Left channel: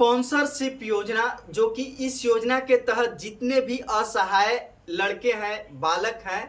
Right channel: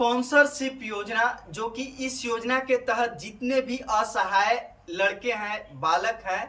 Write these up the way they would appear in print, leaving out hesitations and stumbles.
Sponsorship योजना, जो कि इस योजना के तहत जितने भी असहाय लड़के हैं, बालक हैं,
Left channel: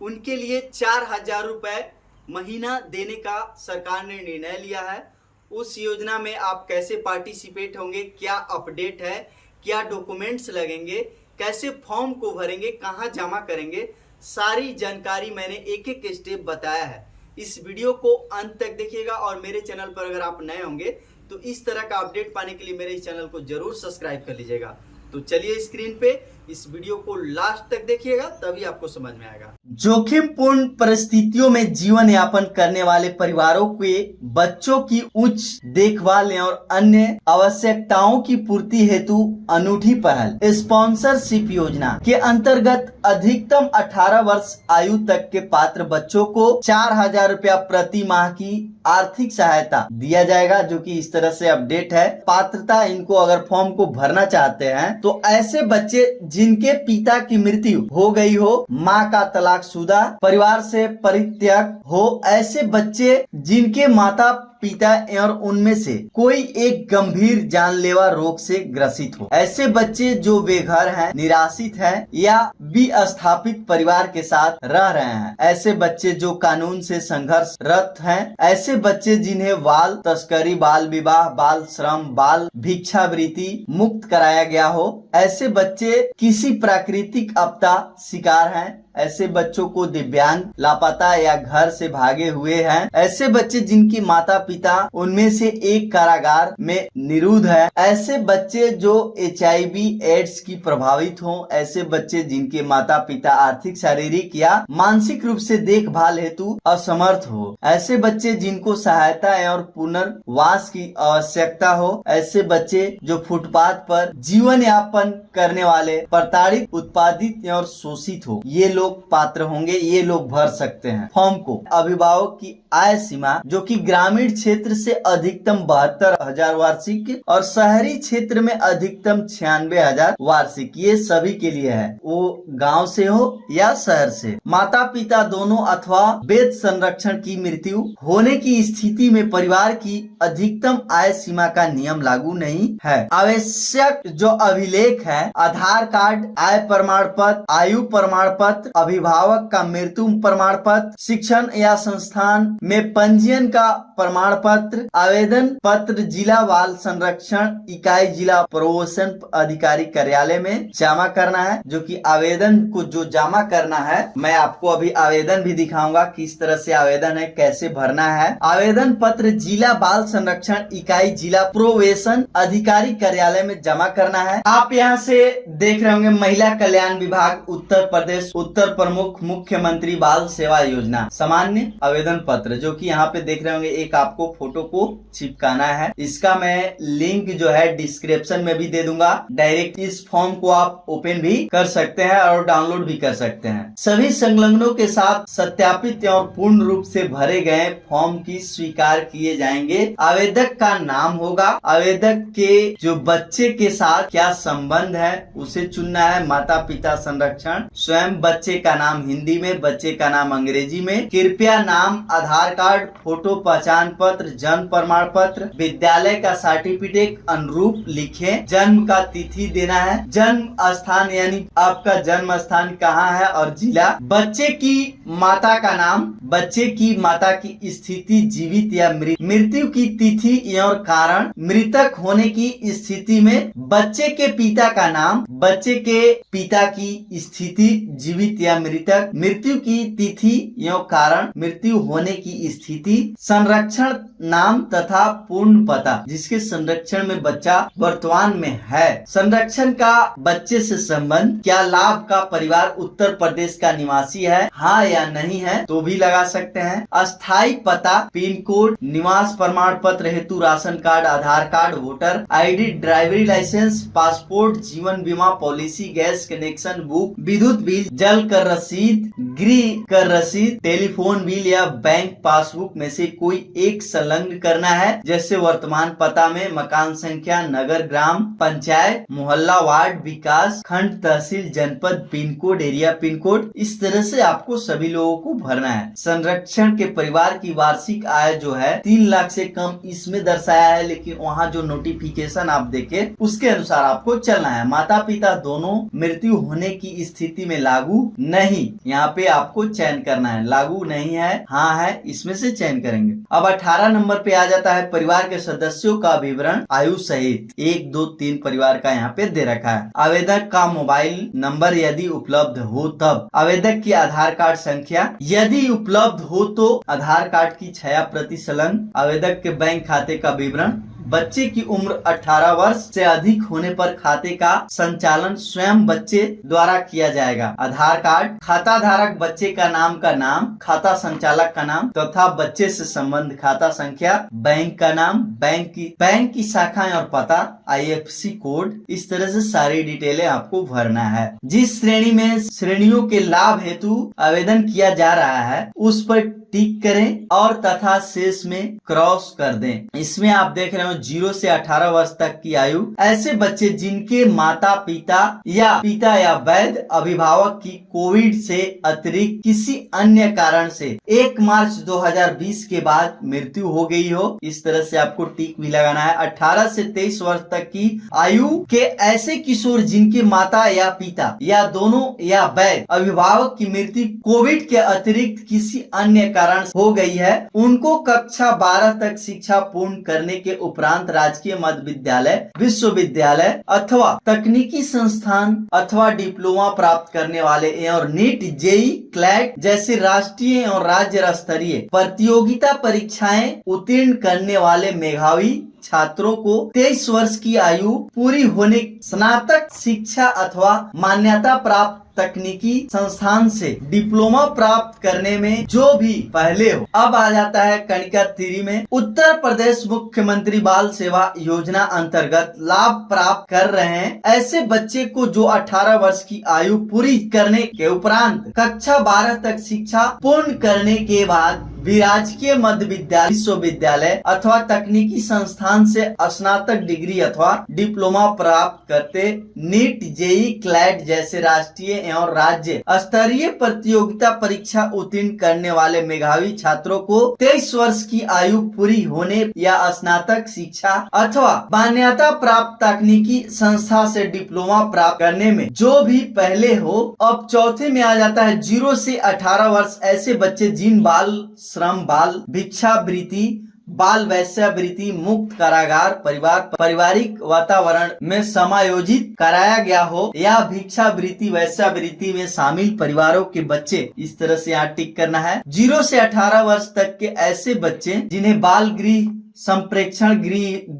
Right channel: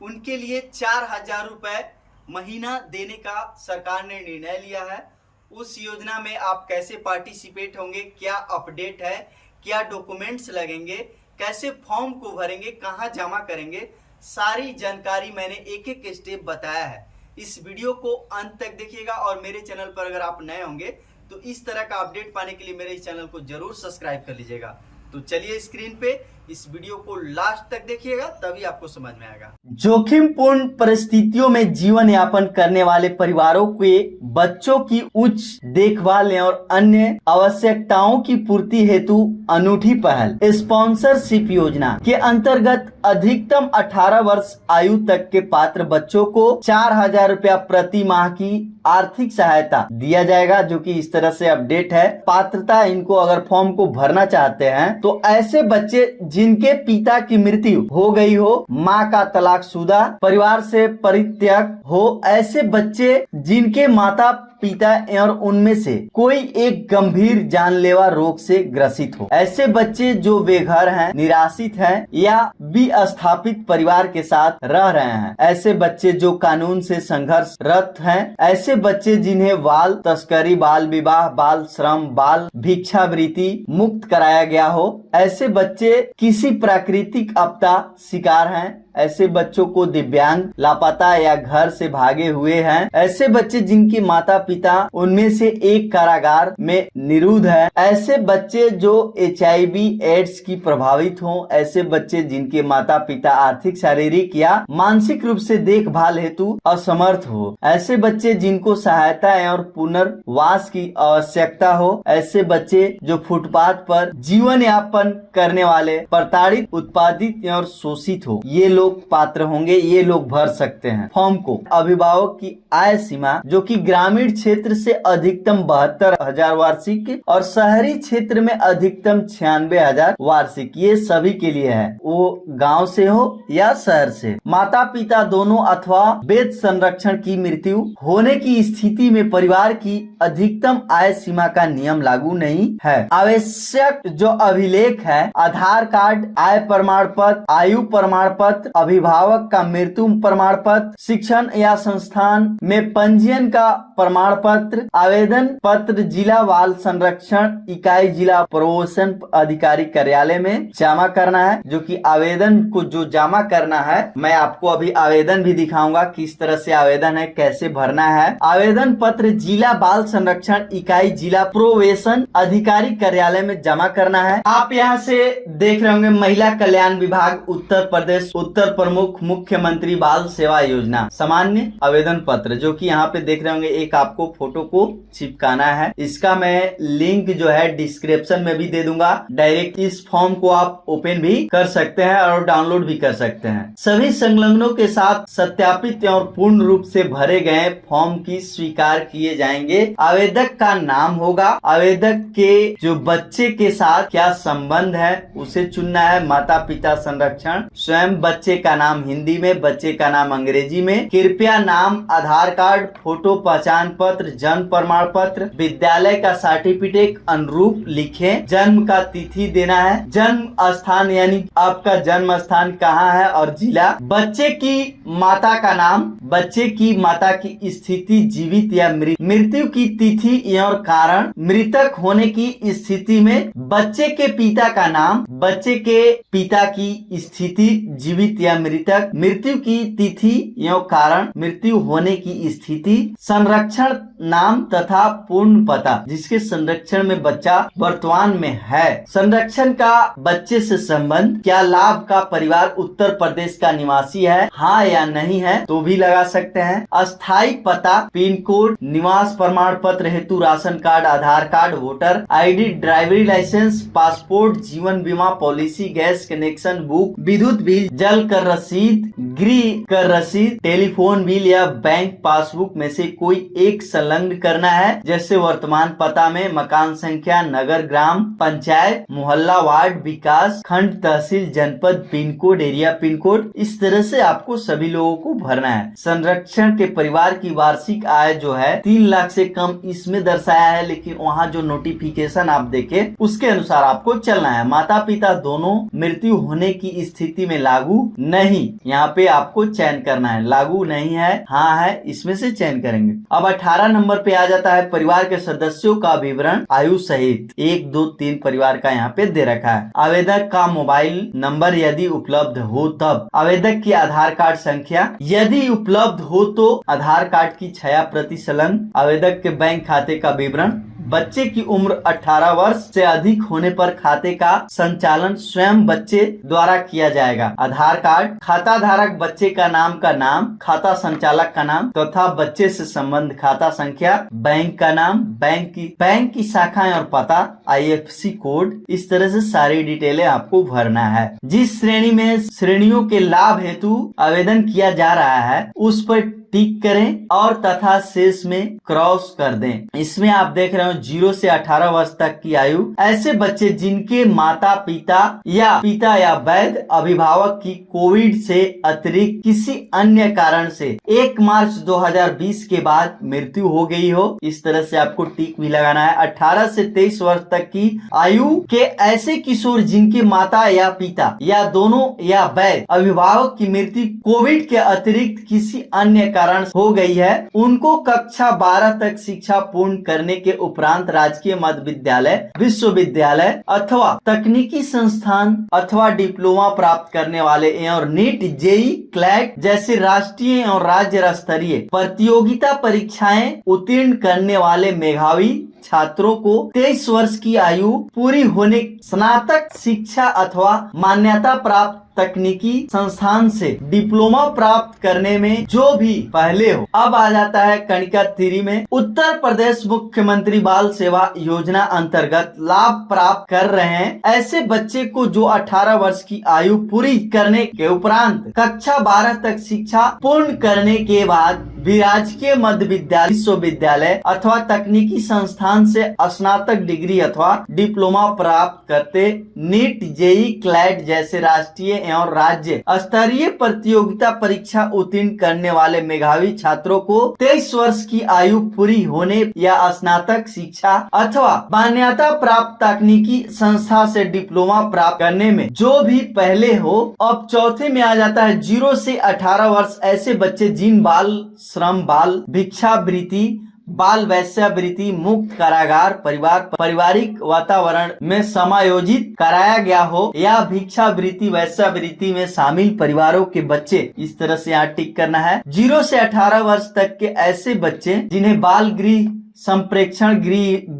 उनके लिए 4,000 रुपये महीना देने का सरकार ने निर्णय लिया है। उस योजना में आप कैसे पार्टिसिपेट होंगे, क्या अपडेट है, क्या डॉक्यूमेंट्स लगेंगे, कैसे फॉर्म को भरेंगे, कहाँ जमा करेंगे, सारी जानकारी मैंने एक एक स्टेप बताया है। इस वीडियो को अंत तक देखिएगा और मेरे चैनल पर अगर आप नए होंगे तो इस तरह का अपडेट पाने के लिए मेरे इस चैनल को जरूर सब्सक्राइब कर लीजिएगा। तो चलिए स्क्रीन पे इस वीडियो को लास्ट तक देखिएगा, तभी आपको समझ में आएगा। जोखिमपूर्ण परिस्थितियों में जीवन यापन करने वाले परिवारों के बच्चों की उच्च देखभाल और अन्य आवश्यकताओं की पूर्ति हेतु अनूठी पहल स्पॉन्सरशिप योजना के अंतर्गत अधिकतम 18 वर्ष आयु तक के पात्र बच्चों को 4,000 रुपया प्रति माह की आर्थिक सहायता दिया जाएगा, जो कि इस तरह से अपडेट है। पात्रता, इनको अगर फॉर्म को भरना चाहते हैं तो ऐसे बच्चे जिनके पिता की मृत्यु हो गई हो, माँ का तलाकशुदा, परिवार से परित्यक्त हो, ऐसे बच्चे जिनके माता पिता और उनमें से कोई एक गंभीर जानलेवा रोग से ग्रसित हो, ऐसे बच्चे जो बेघर हैं, निराश्रित हैं या विस्थापित परिवार के साथ रह रहे हैं, ऐसे बच्चे जो कानून से संघर्षरत हैं, ऐसे बच्चे जिन्हें बाल तस्करी, बाल विवाह, बाल श्रम, बाल भिक्षावृत्ति मुक्त कराया गया हो, ऐसे बच्चे किसी प्राकृतिक आपदा शिकार हैं, ऐसे बच्चों को दिव्यांग, लापता या घर से भागे हुए हैं, ऐसे बच्चे जिनकी माता पिता उनमें से एक कारागार में निरुद्ध है, ऐसे बच्चे जो HIV एड्स की प्रभावित हों, ऐसे बच्चे जिनके माता पिता आर्थिक, शारीरिक या मानसिक रूप से देखभाल हेतु असमर्थ हो, ऐसे बच्चे जिनको सहायता और पुनर्वास की आवश्यकता हो, ऐसे बच्चे जो फुटपाथ पर जीवन यापन करने वाले, प्रताड़ित, उत्पादित और शोषित हो, ये लोग पात्र होंगे, ये लोग भर सकते हैं फॉर्म को। अभिभावक की आय सीमा, जो कि ग्रामीण क्षेत्र से अधिकतम 72,000 वार्षिक और शहरी क्षेत्र में अधिकतम 96,000 वार्षिक, ये सभी के लिए है, वो गांव से हो या शहर से। माता पिता दोनों अथवा वेद संरक्षण की मृत्यु होने की स्थिति में परिवार की अधिकतम आय सीमा का नियम लागू नहीं है। आवश्यक जो अभिलेख है, आधार कार्ड, आय प्रमाण पत्र, आयु प्रमाण पत्र, अभिभावक का मृत्यु प्रमाण पत्र, शिक्षण या संस्थान में पंजीयन का प्रमाण पत्र, आवेदन पत्र जिला बाल संरक्षण इकाई, जिला प्रोबेशन अधिकारी कार्यालय में जमा करना है। जो कि आवेदन को जो जमा करना है, मैं आपको अभी आवेदन भी दिखाऊंगा किस तरह से आवेदन है, कैसे भरना है। आवेदन पत्र जिला बाल संरक्षण इकाई, जिला प्रोबेशन अधिकारी कार्यालय में जमा करना है। आप यहाँ से देख रहे होंगे महिला कल्याण विभाग उत्तर प्रदेश, उत्तर प्रमुख मुख्यमंत्री बाल सेवा योजना सामान्य आवेदन पत्र, जो कि यहाँ पे देख रहे होंगे एक आपको फोटो को चिपकाना है। इसका मैं लिंक जो है डिस्क्रिप्शन में भी दे दूंगा। डायरेक्ट इस फॉर्म को आप ओपन भी कर सकते हैं और डाउनलोड भी कर सकते हैं। सभी संलग्नों के साथ सत्यापित और पूर्ण रूप से भरे गए फॉर्म की स्वीकार किए जाएंगे। आवेदक का नाम होगा, आवेदक के जो बच्चे के साथ क्या संबंध है उसे चुनना है। माता पिता संरक्षण, स्वयं बच्चे का नाम हिंदी में, बच्चे का नाम अंग्रेजी में। कृपया नाम, आधार कार्ड, फोटो, पहचान पत्र, जन्म प्रमाण पत्र, विद्यालय का सर्टिफिकेट अनुरूप लिखें। जन्म का तिथि देना है, जन्म स्थान यानी आपका जन्म स्थान कहाँ है और जिला। बच्चे की माता का नाम, बच्चे की माता की स्थिति जीवित या मृत्यु की तिथि और कारण, मृतक होने की स्थिति में बच्चे के पिता का नाम, बच्चे के पिता की स्थिति जीवित या मृतक, मृत्यु की तिथि एवं कारण, मृत्यु होने की स्थिति, संरक्षण नाम तथा पूर्ण पता जिसके संरक्षण में बच्चा वर्तमान में है। संरक्षण का बच्चे से संबंध, क्या लाभ का परिवार उत्तर प्रदेश का निवासी है, हाँ या नहीं है तो भी लगा सकते हैं। अस्थायी पता, पिन कोड, निवास प्रमाण पत्र हेतु ration card, Aadhaar card, voter ID, ड्राइवरी लाइसेंस, पासपोर्ट, जीवन बीमा पॉलिसी, गैस कनेक्शन बुक, विद्युत बिल, जल पेट्रोल कर रसीद, गृह कर रसीद, टेलीफोन बिल या बैंक पासबुक में से कोई एक संलग्न करना है, जैसे वर्तमान पता में मकान संख्या, नगर, ग्राम पंचायत, मोहल्ला, वार्ड, विकास खंड, तहसील, जनपद, pin code, area pin code. इस तरह से आपको सभी लोगों को भरना है। संरक्षण के परिवार की वार्षिक आय जो है 3 लाख से कम इसमें दर्शाया है, लेकिन वहाँ जो नोटिफिकेशन आप देखे उसके अनुसार आपको चलना है। माता पिता दोनों मृत्यु होने की स्थिति में लागू नहीं, यहाँ पे आपको चयन करना है। लागू नहीं है, हाँ है, इसमें से चयन करेंगे। अब 18 नंबर पे आ जाता है परिवार के सदस्यों का विवरण आयु सहित। 1, 2, 3 परिवार का यहाँ पे दे रखा है। आवेदक का मोबाइल नंबर यदि उपलब्ध हो तब, आवेदक की आधार कार्ड संख्या यदि उपलब्ध हो तो आधार कार्ड की छाया प्रति संलग्न, आवेदक के बैंक खाते का विवरण, बच्चे की उम्र 18 वर्ष से अधिक होने पर खाते का संचालन स्वयं बच्चे द्वारा किया जाएगा। आधार कार्ड, खाता धारक बच्चे का नाम, खाता संचालक का नाम तथा बच्चे से संबंध, खाता संख्या, बैंक का नाम, बैंक की शाखाएं और पता, IFSC कोड। इस तरह से सारी डिटेलें आपको भरना है। जिस श्रेणी में श्रेणियों के लाभ हेतु आवेदन किया जा रहा है उस पर टिक करें और तथा शेष में क्रॉस कर दें। इसमें आप देख रहे हो 0 से 18 वर्ष तक की आयु, ऐसे बच्चे जिनके माता पिता या वैध अभिभावक की कोविड से अतिरिक्त किसी अन्य कारण से 1 मार्च 2020 के बाद मृत्यु हो गई हो, इस तरह से आपको टिक भी लगाना है। 18 से 23 वर्ष तक की आयु के ऐसे किशोर जिनके माता या पिता या दोनों या वैध अभिभावक की मृत्यु कोविड के अतिरिक्त किसी अन्य कारण हो गई है, उनको कक्षा 12 तक शिक्षा पूर्ण करने के उपरांत राजकीय मध्य विद्यालय, विश्वविद्यालय अथवा तकनीकी संस्थान अथवा डिप्लोमा प्राप्त करने वाले और नीट, जेई, क्लैट जैसे राष्ट्रीय और राज्य स्तरीय प्रतियोगिता परीक्षाएं उत्तीर्ण करने वाले मेधावी छात्रों को 23 वर्ष की आयु पूरी होने स्नातक शिक्षा अथवा मान्यता प्राप्त तकनीकी संस्थान से डिप्लोमा प्राप्त करने में जो भी पहले हो। अब आ जाता है कनिका 3 में, उत्तर प्रदेश मुख्यमंत्री बाल सेवा योजना अंतर्गत लाभ प्राप्त कर रहे हैं ऐसे बच्चे को जो 18 वर्ष की आयु पूरी करने के उपरांत कक्षा 12 तक शिक्षा पूर्ण करने के बाद राजकीय मध्य विद्यालय, विश्वविद्यालय अथवा तकनीकी संस्थान से स्नातक डिग्री अथवा डिप्लोमा प्राप्त करते नीट, जेई, क्लैट जैसे राष्ट्रीय एवं राज्य स्तरीय प्रतियोगिता परीक्षा उत्तीर्ण करने वाले मेधावी छात्रों को 23 वर्ष की आयु पूरी होने या स्नातक शिक्षा अथवा मान्यता प्राप्त तकनीकी संस्था से डिप्लोमा प्राप्त करने में जो भी पहले हो। अब चौथे में आ जाता है 0 से 18 वर्ष ऐसे बच्चे जिन बाल श्रम, बाल भिक्षावृत्ति, बाल वैश्यावृत्ति मुक्त कारागार पारिवारिक वातावरण में समायोजित कराया गया हो या भिक्षावृत्ति वैश्यावृत्ति में शामिल परिवारों के बच्चे, इस तरह से यहाँ टिक करना है। 0 से 18 वर्ष तक के ऐसे बच्चे जिन्हें बाल गृह संप्रेक्षण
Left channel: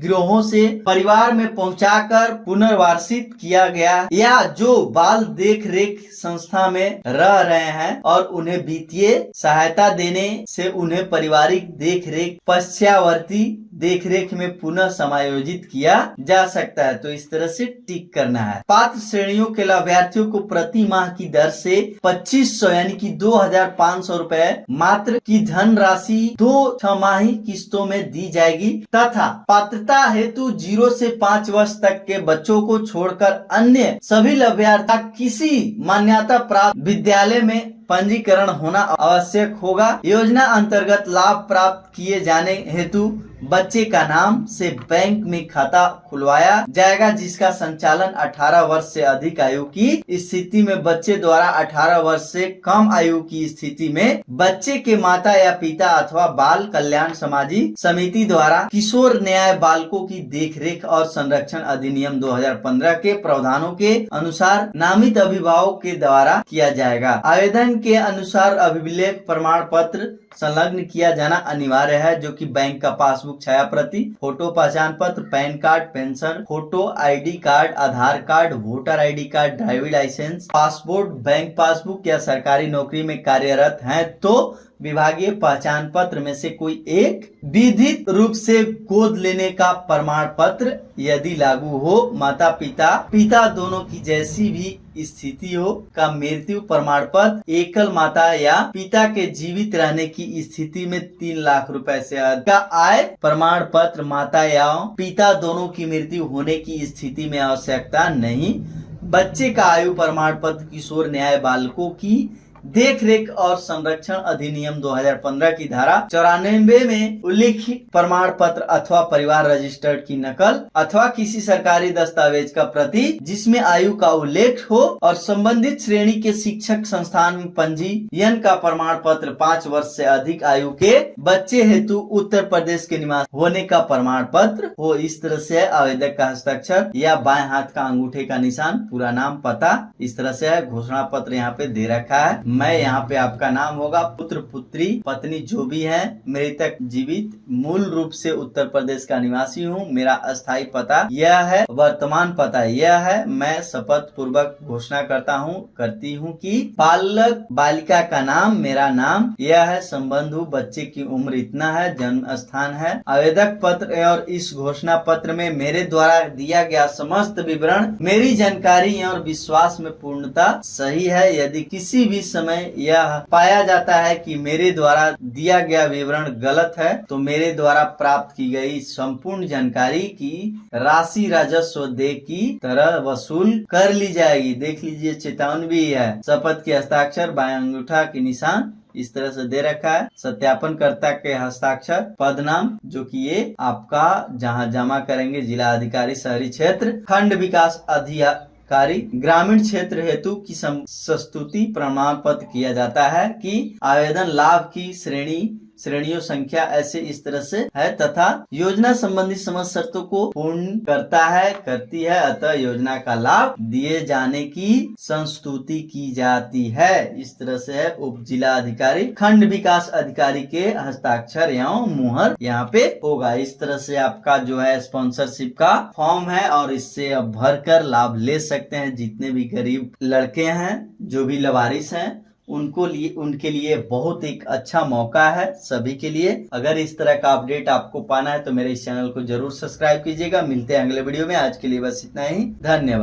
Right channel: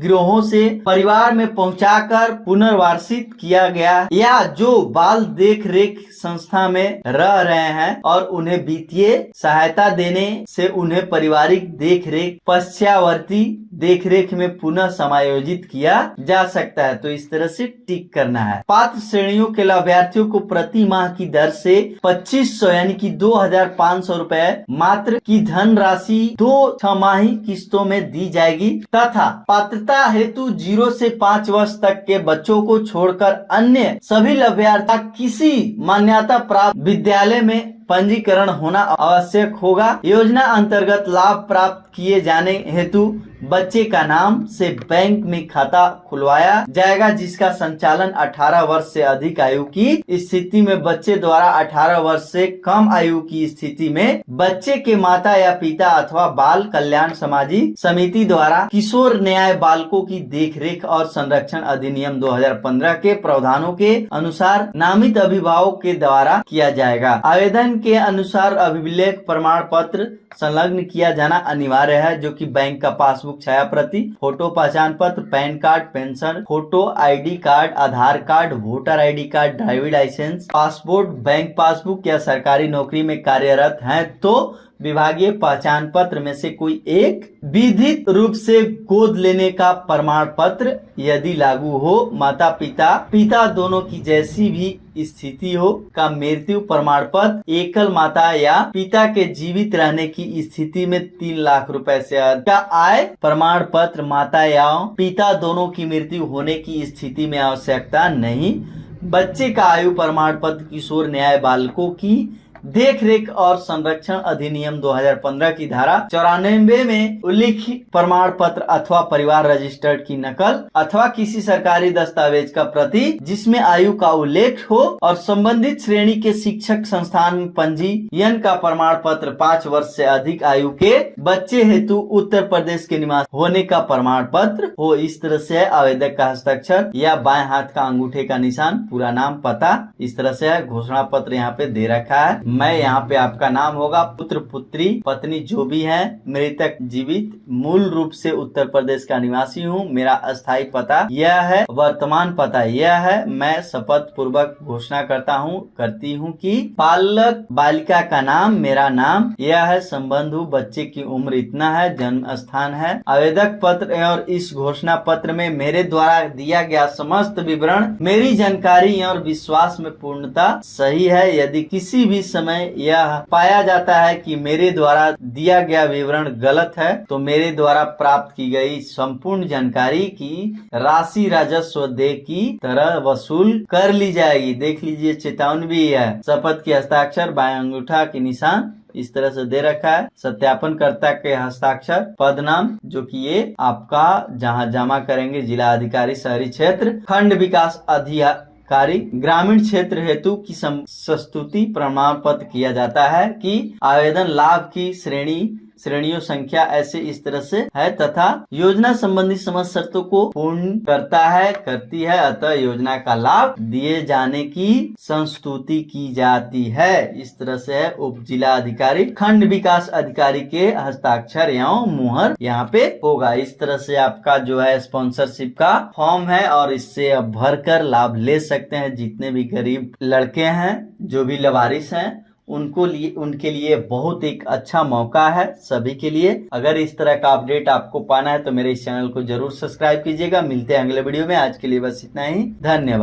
गृहों से परिवार में पहुंचाकर पुनर्वासित किया गया या जो बाल देख रेख संस्था में रह रहे हैं और उन्हें वित्तीय सहायता देने से उन्हें पारिवारिक देख रेख पश्चावर्ती देख रेख में पुनः समायोजित किया जा सकता है। तो इस तरह से टिक करना है। पात्र श्रेणियों के लाभार्थियों को प्रति माह की दर से 2500 यानी कि 2500 रुपए मात्र की धनराशि 2 छमाही किस्तों में दी जाएगी तथा पात्रता हेतु 0 से 5 वर्ष तक के बच्चों को छोड़कर अन्य सभी लाभार्थी किसी मान्यता प्राप्त विद्यालय में पंजीकरण होना आवश्यक होगा। योजना अंतर्गत लाभ प्राप्त किए जाने हेतु बच्चे का नाम से बैंक में खाता खुलवाया जाएगा जिसका संचालन 18 वर्ष से अधिक आयु की स्थिति में बच्चे द्वारा 18 वर्ष से कम आयु की स्थिति में बच्चे के माता या पिता अथवा बाल कल्याण सामाजिक समिति द्वारा किशोर न्याय बालकों की देखरेख और संरक्षण अधिनियम 2015 के प्रावधानों के अनुसार नामित अभिभावक के द्वारा किया जाएगा। आवेदन के अनुसार अभिलेख प्रमाण पत्र संलग्न किया जाना अनिवार्य है जो कि बैंक का पासबुक छाया प्रति, फोटो पहचान पत्र, PAN card, pension photo, ID card, Aadhaar card, voter ID card, driving licence, passport, bank passbook या सरकारी नौकरी में कार्यरत हैं तो विभागीय पहचान पत्र में से कोई एक, विधिक रूप से गोद लेने का प्रमाण पत्र यदि लागू हो, माता पिता दोनों की जैसी भी स्थिति हो का मृत्यु प्रमाण पत्र, एकल माता या पिता के जीवित रहने की स्थिति में 3 लाख रुपए से अधिक का आय प्रमाण पत्र, माता या पिता दोनों की मृत्यु होने की स्थिति में आवश्यकता नहीं। बच्चे का आयु प्रमाण पत्र किशोर न्याय बालकों की देखरेख और संरक्षण अधिनियम 2015 की धारा 94 में उल्लिखित प्रमाण पत्र अथवा परिवार रजिस्टर्ड की नकल अथवा किसी सरकारी दस्तावेज का प्रति जिसमें आयु का उल्लेख हो और संबंधित श्रेणी के शिक्षक संस्थान में पंजीयन का प्रमाण पत्र, 5 वर्ष से अधिक आयु के बच्चे हेतु उत्तर प्रदेश के निवासी होने का प्रमाण पत्र हो। इस तरह से आवेदक का हस्ताक्षर या बाएं हाथ का अंगूठे का निशान, पूरा नाम, पता, इस तरह से घोषणा पत्र यहाँ पे दे रखा है। मैं यहाँ पे आपका नाम होगा, पुत्र पुत्री पत्नी जो भी है, मृतक जीवित, मूल रूप से उत्तर प्रदेश का निवासी हूँ, मेरा अस्थायी पता यह है, वर्तमान पता यह है। मैं शपथ पूर्वक घोषणा करती हूँ कि बालक बालिका का नाम, मेरा नाम यह है, संबंधु बच्चे की उम्र इतना है, जन्म स्थान है। आवेदक पत्र और इस घोषणा पत्र में मेरे द्वारा दिया गया समस्त विवरण मेरी जानकारी और विश्वास में पूर्णता सही है। यदि किसी भी समय यह पाया जाता है कि मेरे द्वारा दिया गया विवरण गलत है तो मेरे द्वारा प्राप्त की गई संपूर्ण जानकारी की राशि राजस्व देय की तरह वसूल कर ली जाएगी। देख लीजिए, चेतावनी भी है। शपथ के हस्ताक्षर, बाएं अंगूठा के निशान इस तरह से दे रखा है। सत्यापनकर्ता के हस्ताक्षर, पद नाम जो कि ये आपका जहां जमा करेंगे जिला अधिकारी शहरी क्षेत्र, खंड विकास अधिकारी ग्रामीण क्षेत्र हेतु की संस्तुति प्रमाण पत्र किया जाता है कि आवेदन लाभ की श्रेणियों संख्या ऐसे इस तरह से है तथा योजना संबंधी समस्त शर्तों को पूर्ण करती है, अतः योजना का लाभ दिए जाने की संस्तुति की जाती है। इस तरह से है। उप जिला अधिकारी खंड विकास अधिकारी के हस्ताक्षर एवं मुहर यहाँ पे होगा। इस तरह से आपका जो है स्पॉन्सरशिप का फॉर्म है और इससे अब भरकर लाभ ले सकते हैं। जितने भी गरीब लड़के हैं, जो भी लावारिस हैं, उनके लिए बहुत एक अच्छा मौका है सभी के लिए। अगर इस तरह का अपडेट आपको पाना है तो मेरे इस चैनल को जरूर सब्सक्राइब कीजिएगा। मिलते हैं अगले वीडियो में। आज के लिए बस इतना ही। धन्यवाद।